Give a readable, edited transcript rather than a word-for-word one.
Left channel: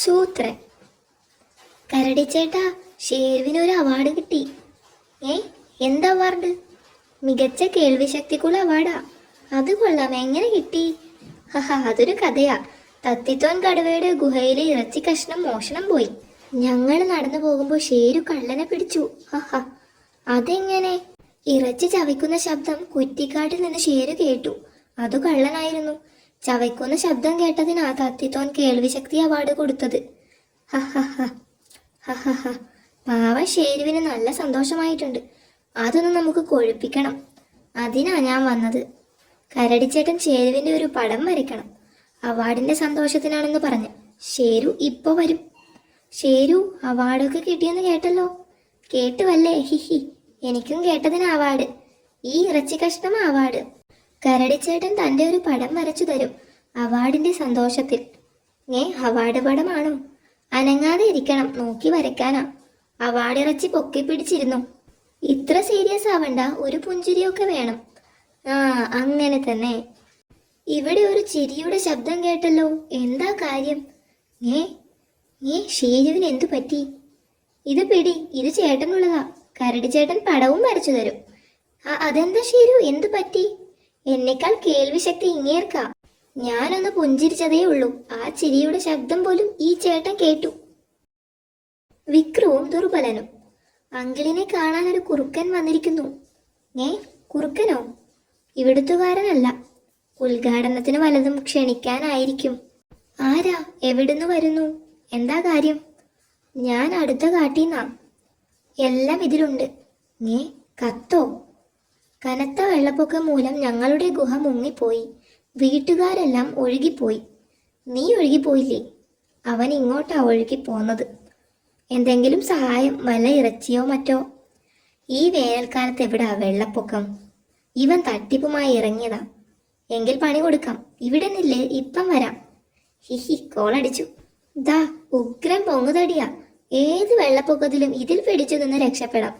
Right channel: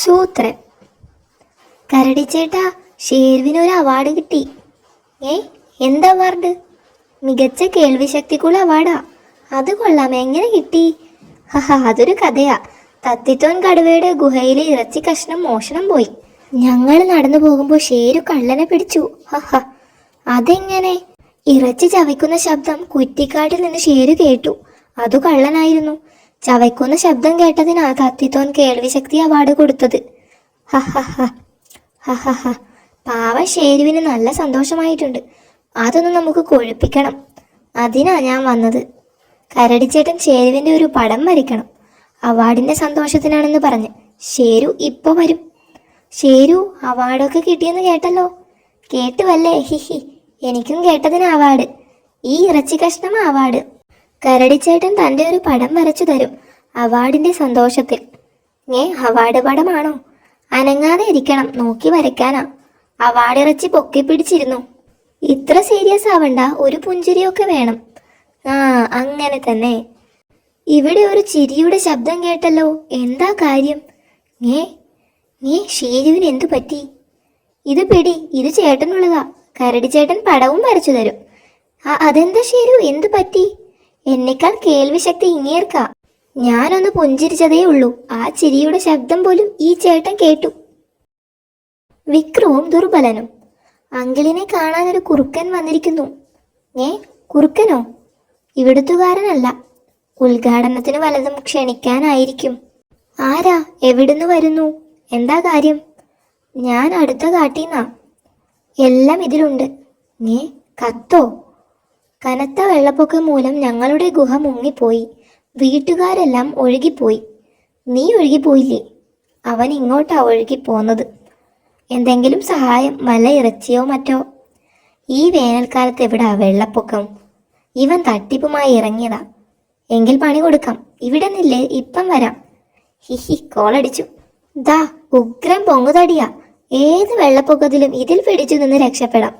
Soothran. കരടിച്ചേട്ടാ, ഷേർവിനൊരു award കിട്ടി. എന്താ award? മികച്ച കേൾവിശക്തിക്കുള്ള അവാർഡാ. അത് കൊള്ളാം, എങ്ങനെ കിട്ടി? അതൊരു കഥയാ. തത്തിത്തോൻ കടുവയുടെ ഗുഹയിലെ ഇറച്ചി കഷ്ണം മോഷണം പോയി. ഞങ്ങൾ നടന്നു പോകുമ്പോൾ ഷേരു കള്ളനെ പിടിച്ചു. അതെങ്ങനെ? ഇറച്ചി ചവയ്ക്കുന്ന ശബ്ദം കുറ്റിക്കാട്ടിൽ നിന്ന് ഷേരു കേട്ടു. അതു കള്ളനായിരുന്നു. ചവയ്ക്കുന്ന ശബ്ദം കേട്ടതിനാ തത്തിത്തോൻ കേൾവിശക്തി അവാർഡ് കൊടുത്തത്. പാവ ഷേരുവിന് നല്ല സന്തോഷമായിട്ടുണ്ട്. അതൊന്നും നമുക്ക് കൊഴുപ്പിക്കണം. അതിനാ ഞാൻ വന്നത്. കരടിച്ചേട്ടൻ ഷേരുവിൻ്റെ ഒരു പടം വരയ്ക്കണം. അവാർഡിൻ്റെ സന്തോഷത്തിനാണെന്ന് പറഞ്ഞ്. ഷേരു ഇപ്പോൾ വരും. ഷേരു, അവാർഡൊക്കെ കിട്ടിയെന്ന് കേട്ടല്ലോ. കേട്ടുവല്ലേ? എനിക്കും കേട്ടതിന് അവാർഡ്. ഈ ഇറച്ചി കഷ്ണം അവാർഡ്. കരടിച്ചേട്ടൻ തൻ്റെ ഒരു പടം വരച്ചു തരും അവാർഡിൻ്റെ സന്തോഷത്തിൽ. അവാർഡ് പടമാണോ? അനങ്ങാതെ ഇരിക്കണം, നോക്കി വരയ്ക്കാനാ. അവാർഡ് ഇറച്ചി പൊക്കി പിടിച്ചിരുന്നു. ഇത്ര സീരിയസ് ആവണ്ട, ഒരു പുഞ്ചിരിയൊക്കെ വേണം. അങ്ങനെ തന്നെ. ഇവിടെ ഒരു ചിരിയുടെ ശബ്ദം കേട്ടല്ലോ. എന്താ കാര്യം? ഷേരുവിന് എന്തു പറ്റി? ഇത് പിടി, ഇത് ചേട്ടനുള്ളതാ. കരടി ചേട്ടൻ പടവും വരച്ചു തരും. അതെന്താ ഷേരു, എന്തു പറ്റി? എന്നെക്കാൾ കേൾവിശക്തി ഇങ്ങേർക്കാ. ഞാനൊന്ന് പുഞ്ചിരിച്ചതേ ഉള്ളൂ. ആ ചിരിയുടെ ശബ്ദം പോലും ഈ ചേട്ടൻ കേട്ടു. വിക്രവും ദുർബലനും. അങ്കിളിനെ കാണാനൊരു കുറുക്കൻ വന്നിരിക്കുന്നു. കുറുക്കനോ? ഇവിടുത്തുകാരനല്ല. ഉദ്ഘാടനത്തിന് വല്ലതും ക്ഷണിക്കാനായിരിക്കും. ആരാ? എവിടുന്ന് വരുന്നു? എന്താ കാര്യം? ഞാൻ അടുത്ത കാട്ടീന്നാ. എല്ലാം ഇതിലുണ്ട്. കത്തോ? കനത്ത വെള്ളപ്പൊക്കം മൂലം ഞങ്ങളുടെ ഗുഹ മുങ്ങിപ്പോയി. വീട്ടുകാരെല്ലാം ഒഴുകിപ്പോയി. നീ ഒഴുകിപ്പോയില്ലേ? അവൻ ഇങ്ങോട്ടാ ഒഴുകിപ്പോന്നത്. എന്തെങ്കിലും സഹായം, വല്ല ഇറച്ചിയോ മറ്റോ? ഈ വേനൽക്കാലത്ത് എവിടാ വെള്ളപ്പൊക്കം? ഇവൻ തട്ടിപ്പുമായി ഇറങ്ങിയതാ. എങ്കിൽ പണി കൊടുക്കാം. ഇവിടെ നില്ലേ, ഇപ്പം വരാം. കോളടിച്ചു. ദാ ഉഗ്രം പൊങ്ങുതടിയാ. ഏത് വെള്ളപ്പൊക്കത്തിലും ഇതിൽ പിടിച്ചു നിന്ന് രക്ഷപ്പെടാം.